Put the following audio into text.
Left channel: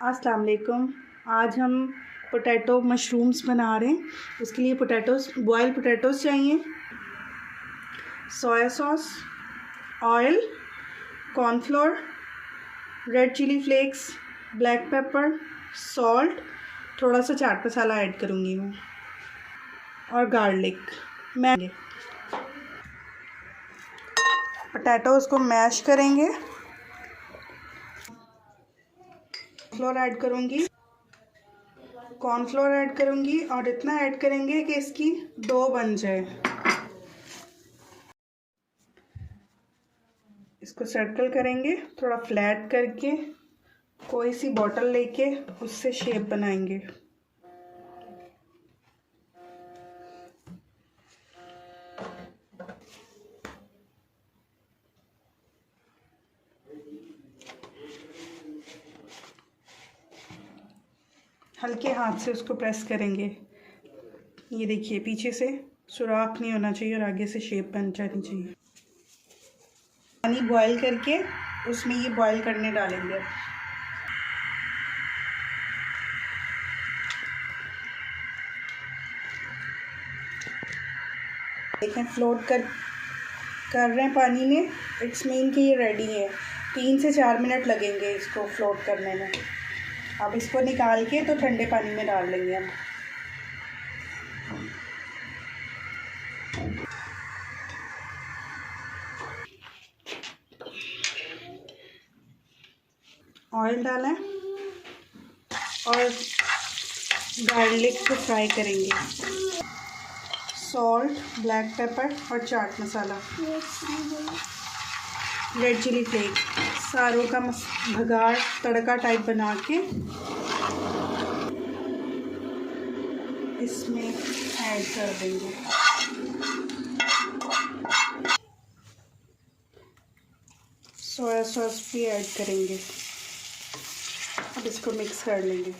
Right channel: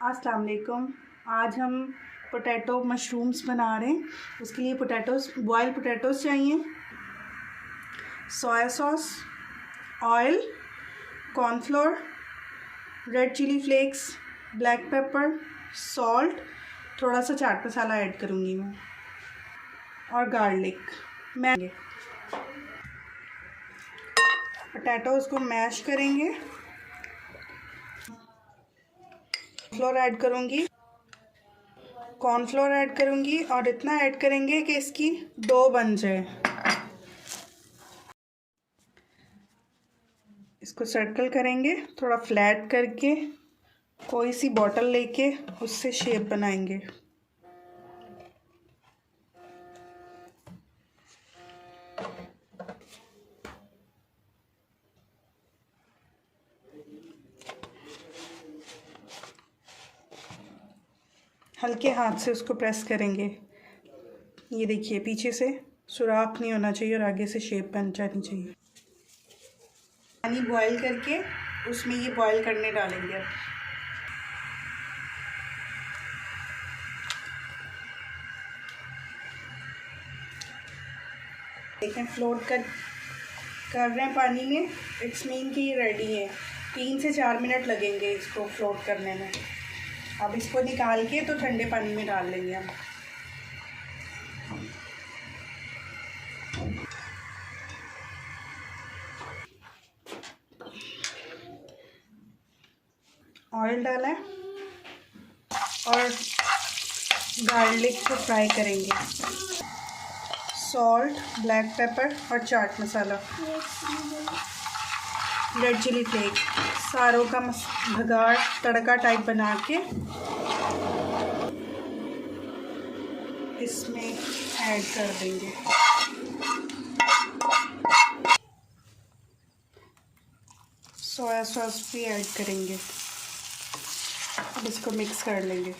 अस्सलाम वालेकुम। आज हम पोटैटो मशरूम्स बना रहे हैं। उसके लिए बॉयल पोटैटोज़ चाहिए, soya sauce, oil, cornflour, red chilli flakes, black pepper, salt, थोड़ा सा चाट मसाला ऐड करूँगी मैं और गार्लिक। पोटैटोज़ को मैश करेंगे। कॉर्नफ्लोर ऐड करूँगी और इतना ऐड करेंगे कि इसकी डो बन जाए। इसको सर्कल करेंगे, थोड़ा फ्लैट करके कोई सी बॉटल लेके उससे शेप बनाएंगे। हल्के हाथ से उसको प्रेस करेंगे। ये देखिए, पीछे से सुराख नहीं होना चाहिए और आगे से शेप बन जानी चाहिए। पानी बॉईल करके उसमें ये बॉईल करने डालेंगे। देखें, फ्लोट कर रहे हैं पानी में। इट्स मीन कि ये रेडी है। 3 से 4 मिनट लगेंगे इसको फ्लोट करने में। अब इसको निकाल के तो ठंडे पानी में डाल लेंगे हम। ऑयल डालें और गार्लिक को फ्राई करेंगे। सॉल्ट, ब्लैक पेपर और chaat masala, red chilli flex, सारों का भगाड़ तड़का टाइप बना के इसमें ऐड कर देंगे। सोया सॉस भी ऐड करेंगे। अब इसको मिक्स कर लेंगे।